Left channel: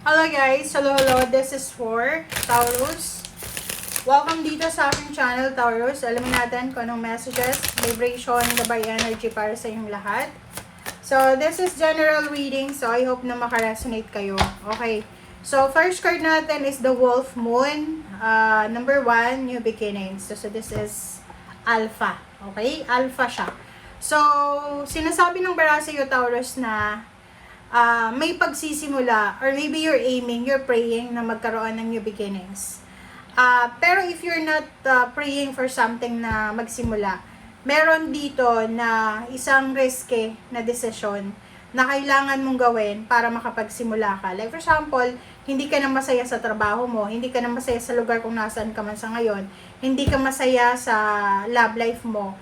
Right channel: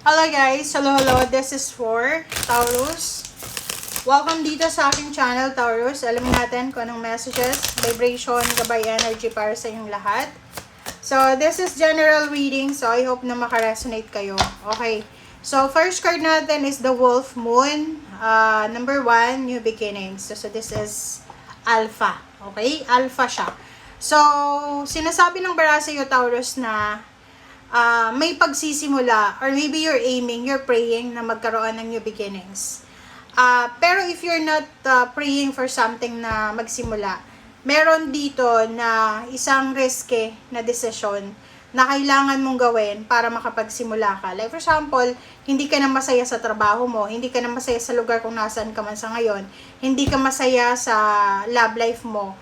Hello guys! Hello! This is for Taurus. Welcome dito sa aking channel, Taurus. Alamin natin kung anong messages, vibration, gabay energy para sa inyong lahat. So, this is general reading. So, I hope na makaresonate kayo. Okay. So, first card natin is the Wolf Moon. Number 1, New Beginnings. So, this is Alpha. Okay? Alpha siya. So, sinasabi ng bara sa iyo, Taurus, na may pagsisimula, or maybe you're aiming, you're praying na magkaroon ng new beginnings. Pero if you're not praying for something na magsimula, meron dito na isang risky na desisyon na kailangan mong gawin para makapagsimula ka. Like for example, hindi ka na masaya sa trabaho mo, hindi ka na masaya sa lugar kung nasaan ka man sa ngayon, hindi ka masaya sa love life mo.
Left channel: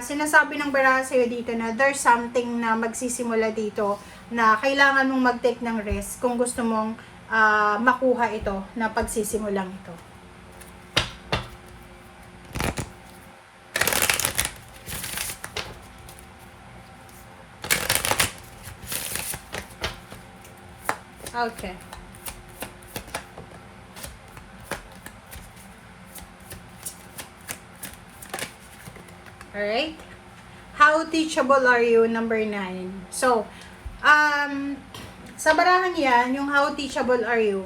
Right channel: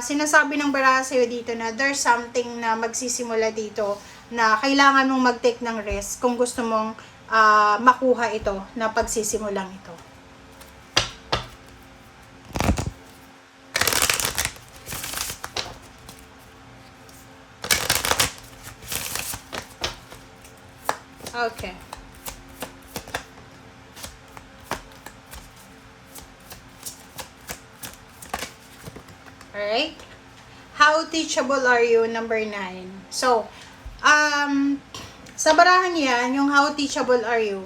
Sinasabi ng bara sa'yo dito na there's something na magsisimula dito na kailangan mong mag-take ng risk kung gusto mong makuha ito na pagsisimulang ito. Okay. Alright. How teachable are you? Number 9. So, sa barahan yan, yung how teachable are you?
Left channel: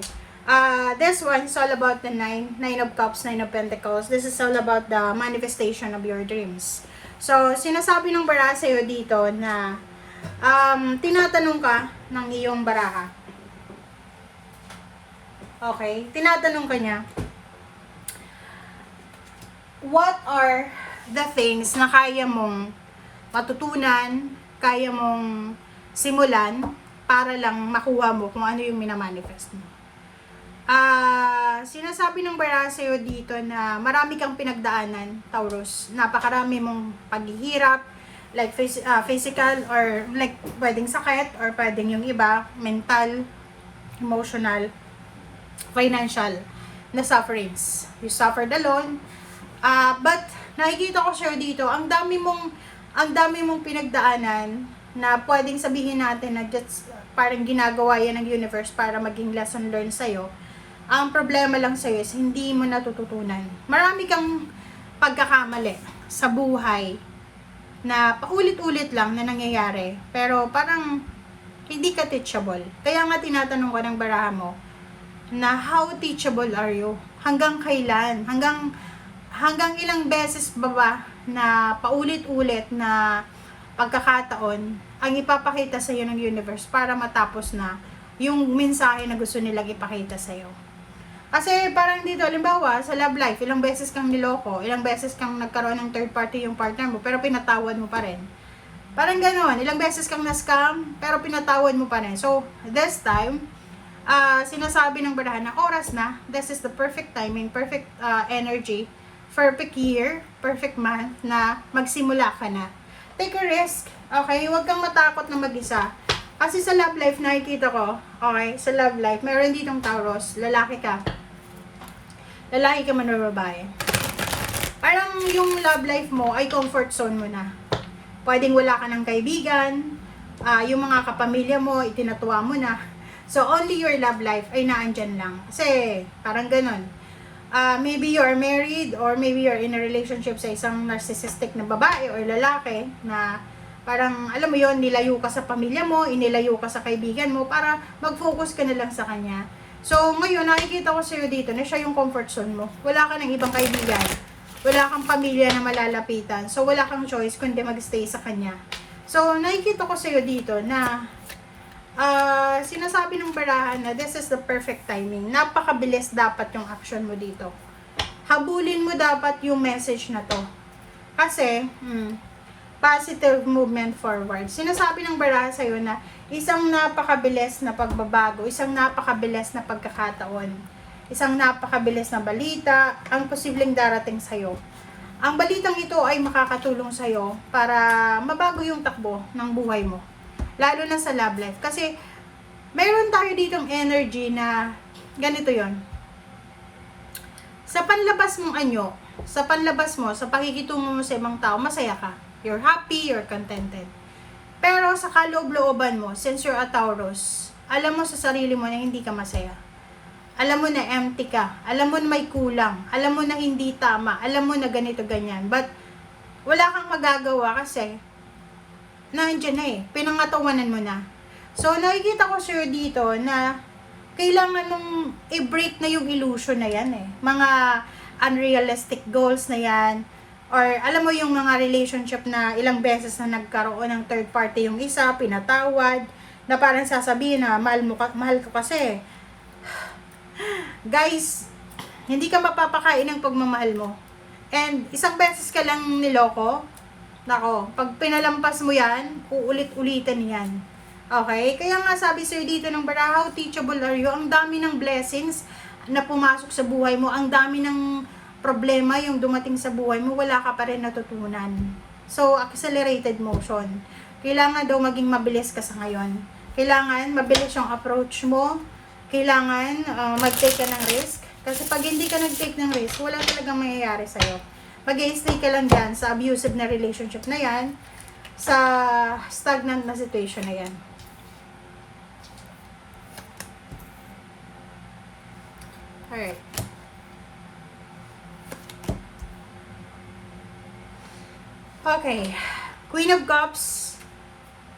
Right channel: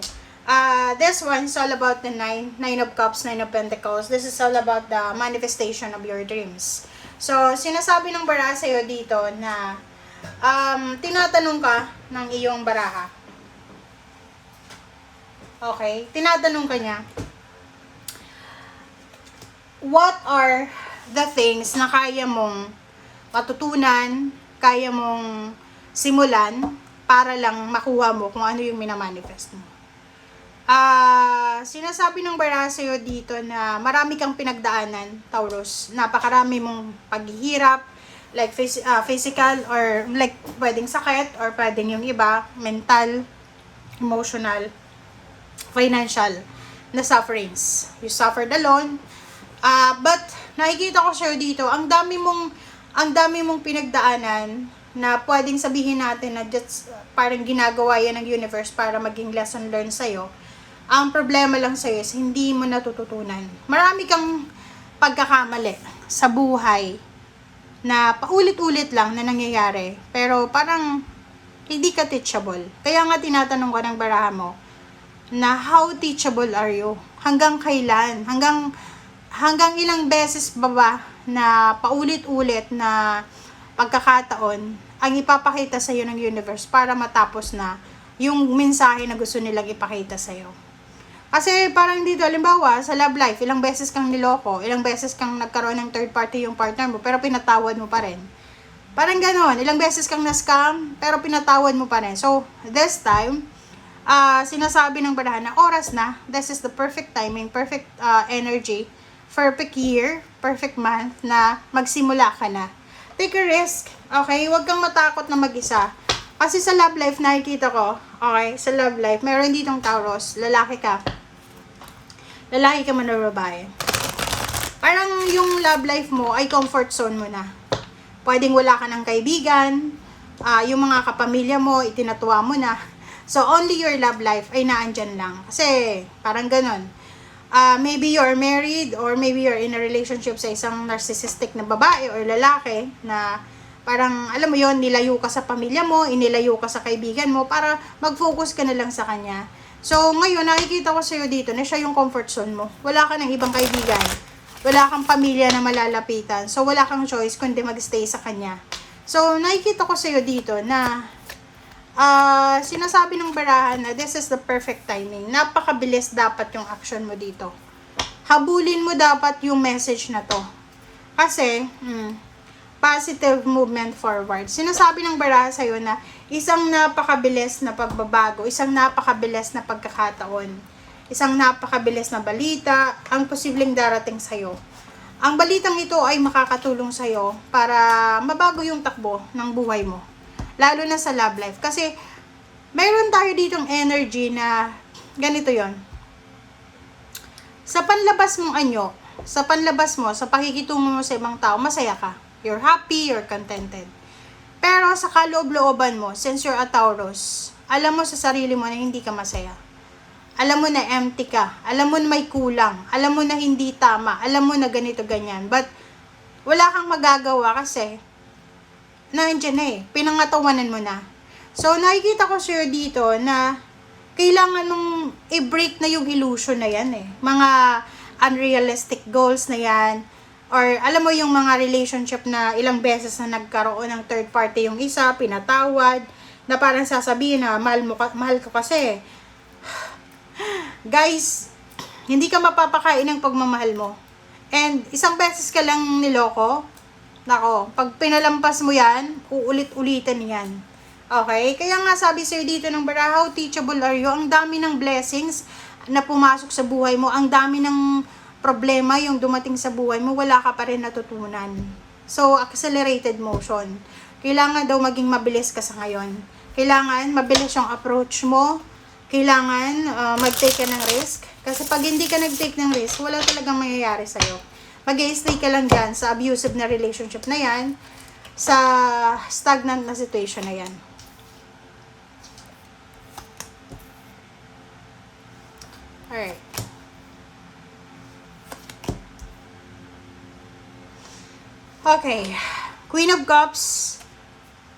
This one is all about the 9 of Cups, 9 of Pentacles. This is all about the manifestation of your dreams. So, sinasabi ng baraha sa'yo dito na tinatanong ka ng iyong baraha. Okay? Tinatanong ka niya, what are the things na kaya mong matutunan, kaya mong simulan para lang makuha mo kung ano yung minamanifest mo. Sinasabi ng baraha sa'yo dito na marami kang pinagdaanan, Taurus. Napakarami mong paghihirap, like physical or like pwedeng sakit or pwedeng yung iba, mental, emotional, financial na sufferings. You suffered alone. But nakikita ko sa'yo dito, ang dami mong pinagdaanan na pwedeng sabihin natin na just parang ginagawa yan ng universe para maging lesson learned sa'yo. Ang problema lang sa'yo is hindi mo natututunan. Marami kang pagkakamali sa buhay na paulit-ulit lang na nangyayari. Pero parang hindi ka teachable. Kaya nga tinatanong ko ng baraha mo na how teachable are you? Hanggang kailan? Hanggang ilang beses ba na paulit-ulit na pagkakataon ang ipapakita sa iyo ng universe para matapos na yung mensahe na gusto nilang ipakita sa iyo. Kasi parang dito, halimbawa, sa love life, ilang beses kang niloko, ilang beses kang nagkaroon ng third party yung partner mo, pero pinatawad mo pa rin. Parang ganoon, ilang beses kang na-scam, pero pinatawad mo pa rin. So, this time, sinasabi ng barahan na oras na, this is the perfect timing, perfect energy, perfect year, perfect month na magsimula ka na. Take a risk, okay? Huwag kang matakot na mag-isa. Kasi sa love life, nakikita ko, okay, sa love life, meron ditong Taurus, lalaki ka. Lalaki ka man o babae. Parang yung love life mo ay comfort zone mo na. Pwedeng wala ka ng kaibigan, yung mga kapamilya mo, itinatuwa mo na. So, only your love life ay naandyan lang. Kasi, parang ganon. Maybe you're married or maybe you're in a relationship sa isang narcissistic na babae or lalaki na parang, alam mo yon, nilayo ka sa pamilya mo, inilayo ka sa kaibigan mo para mag-focus ka na lang sa kanya. So, ngayon, nakikita ko sa'yo dito na siya yung comfort zone mo. Wala ka ng ibang kaibigan. Wala kang pamilya na malalapitan. So, wala kang choice kundi mag-stay sa kanya. So, nakikita ko sa'yo dito na sinasabi ng barahan na this is the perfect timing. Napakabilis dapat yung action mo dito. Habulin mo dapat yung message na to. Kasi, positive movement forward. Sinasabi ng baraha sa'yo na isang napakabilis na pagbabago, isang napakabilis na pagkakataon, isang napakabilis na balita, ang posibleng darating sa'yo. Ang balitang ito ay makakatulong sa'yo para mabago yung takbo ng buhay mo. Lalo na sa love life. Kasi, mayroon tayo ditong energy na ganito yon. Sa panlabas mong anyo, sa panlabas mo, sa pakikitungo mo sa ibang tao, masaya ka. You're happy, you're contented. Pero sa kaloob-looban mo, since you're a Taurus, alam mo sa sarili mo na hindi ka masaya. Alam mo na empty ka. Alam mo na may kulang. Alam mo na hindi tama. Alam mo na ganito, ganyan. But, wala kang magagawa kasi, nandiyan na eh. Pinangatawanan mo na. So, nakikita ko sa'yo dito na, kailangan mong i-break na yung illusion na yan eh. Mga unrealistic goals na yan. Or, alam mo yung mga relationship na ilang beses na nagkaroon ng third party yung isa, pinatawad, na parang sasabihin na, mahal ko kasi. Guys, hindi ka mapapakain ng pagmamahal mo. And isang beses ka lang niloko, nako, pag pinalampas mo yan, uulit-ulitin yan. Okay? Kaya nga sabi sa'yo dito ng Barahaw, teachable are you. Ang dami ng blessings na pumasok sa buhay mo. Ang dami ng problema yung dumating sa buhay mo, wala ka pa rin natutunan. So, accelerated motion. Kailangan daw maging mabilis ka sa ngayon. Kailangan mabilis yung approach mo. Kailangan mag-take ka ng risk. Kasi pag hindi ka nag-take ng risk, wala talagang mangyayari sa'yo. Mag-i-stay ka lang dyan sa abusive na relationship na yan, sa stagnant na situation na yan. Alright. Okay. Queen of Cups,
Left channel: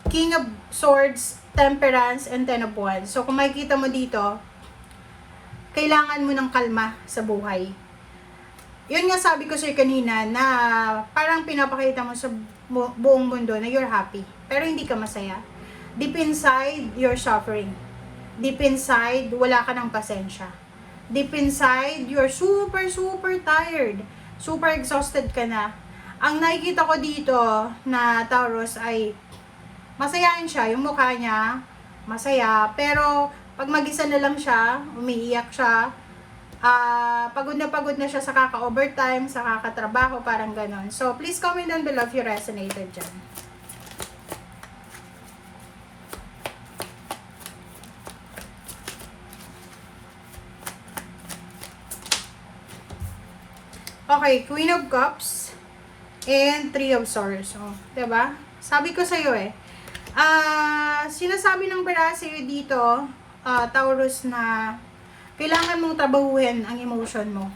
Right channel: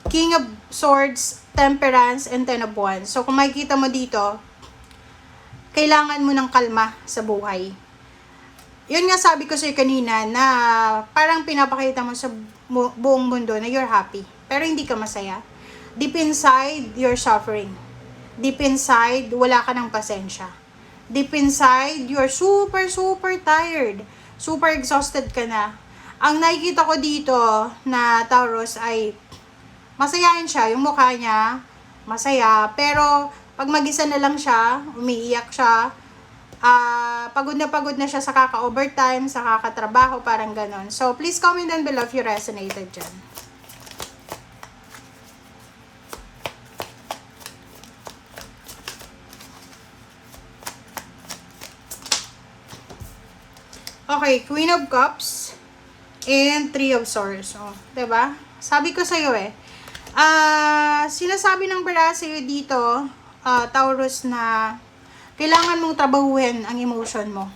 King of Swords, Temperance, and Ten of Wands. So, kung makikita mo dito, kailangan mo ng kalma sa buhay. Yun nga sabi ko sa'yo kanina na parang pinapakita mo sa buong mundo na you're happy. Pero hindi ka masaya. Deep inside, you're suffering. Deep inside, wala ka ng pasensya. Deep inside, you're super, super tired. Super exhausted ka na. Ang nakikita ko dito na Taurus ay masayahin siya, yung mukha niya, masaya, pero pag mag-isa na lang siya, umiiyak siya, pagod na siya sa kaka-overtime, sa kakatrabaho, parang ganon. So, please comment down below if you resonated dyan. Okay, Queen of Cups and Three of Swords. Oh, 'di ba? Sabi ko sa iyo eh. Sinasabi ng Barahaw sa iyo dito, Taurus, na kailangan mong trabahuhin ang emotion mo.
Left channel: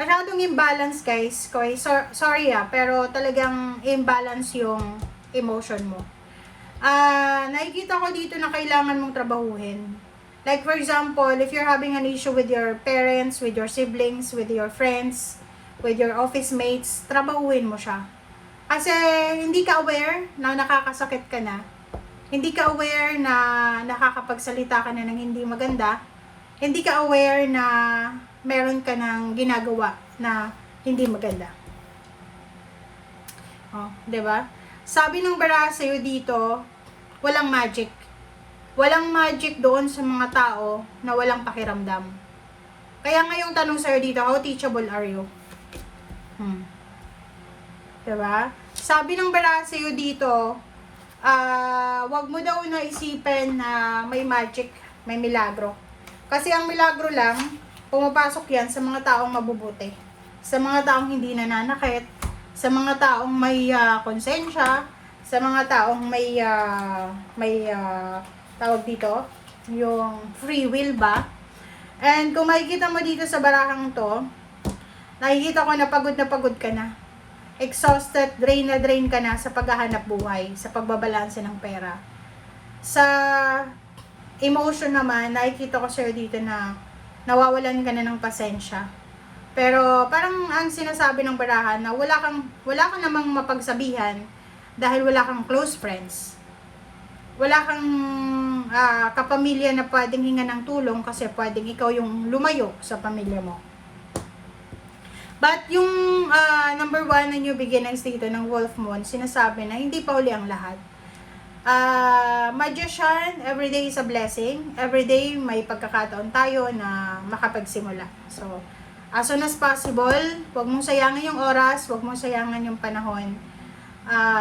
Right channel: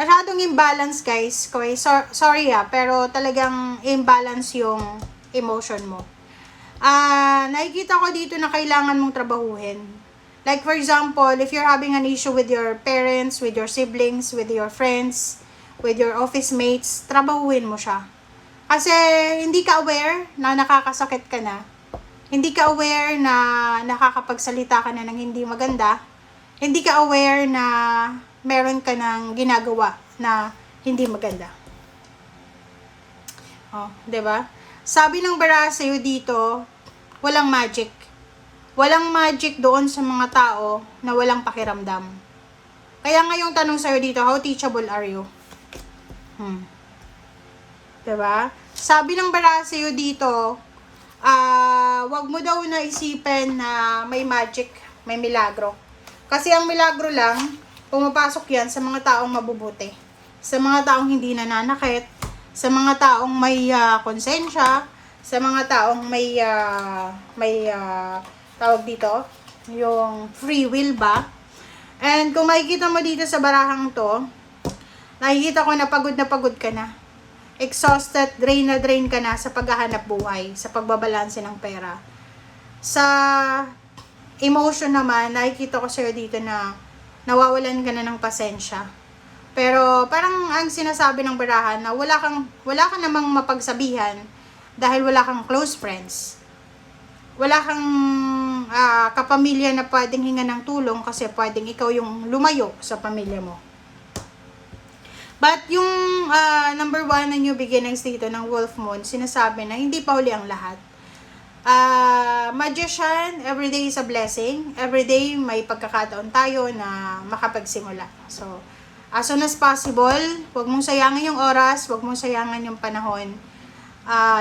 Masyadong imbalance, guys. Okay, sorry pero talagang imbalance yung emotion mo. Nakikita ko dito na kailangan mong trabahuhin. Like for example, if you're having an issue with your parents, with your siblings, with your friends, with your office mates, trabahuhin mo siya. Kasi hindi ka aware na nakakasakit ka na. Hindi ka aware na nakakapagsalita ka na ng hindi maganda. Hindi ka aware na meron ka ng ginagawa na hindi maganda. Oh, 'di ba? Sabi ng Barahaw sa'yo dito, walang magic. Walang magic doon sa mga tao na walang pakiramdam. Kaya ngayong tanong sa'yo dito, how teachable are you? Diba? Sabi ng Barahaw sa'yo dito, wag mo daw na isipin na may magic, may milagro. Kasi ang milagro lang, pumapasok yan sa mga taong mabubuti. Sa mga taong hindi nananakit, sa mga taong may konsensya, sa mga taong may tawag dito, yung free will ba? And kung makikita mo dito sa barahang to, nakikita ko na pagod ka na. Exhausted, drain na drain ka na sa paghahanap buhay, sa pagbabalanse ng pera. Sa emotion naman, nakikita ko sa'yo dito na nawawalan ka na ng pasensya. Pero parang ang sinasabi ng barahan na wala ka namang mapagsabihan dahil wala kang close friends. Wala kang kapamilya na pwedeng hinga ng tulong kasi pwedeng ikaw yung lumayo sa pamilya mo. But yung number 1 na new beginnings dito ng Wolf Moon, sinasabi na hindi pa huli ang lahat. Magician, everyday is a blessing. Everyday may pagkakataon tayo na makapagsimula. So, as soon as possible, huwag mong sayangin yung oras, huwag mong sayangin yung panahon.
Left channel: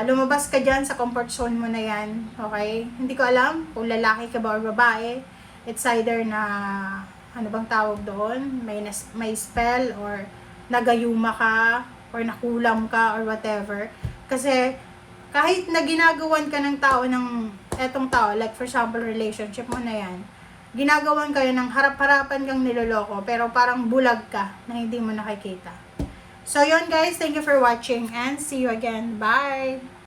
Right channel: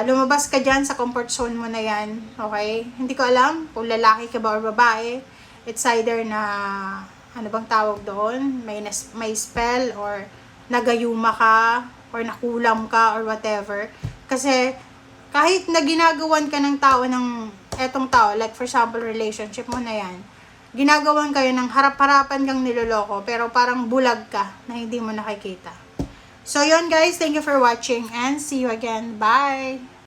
Lumabas ka dyan sa comfort zone mo na yan. Okay? Hindi ko alam kung lalaki ka ba or babae. It's either na, ano bang tawag doon? May spell or nagayuma ka or nakulam ka or whatever. Kasi kahit na ginagawan ka ng tao ng etong tao, like for example, relationship mo na yan, ginagawan kayo ng harap-harapan kang niloloko, pero parang bulag ka na hindi mo nakikita. So, yun guys, thank you for watching and see you again. Bye!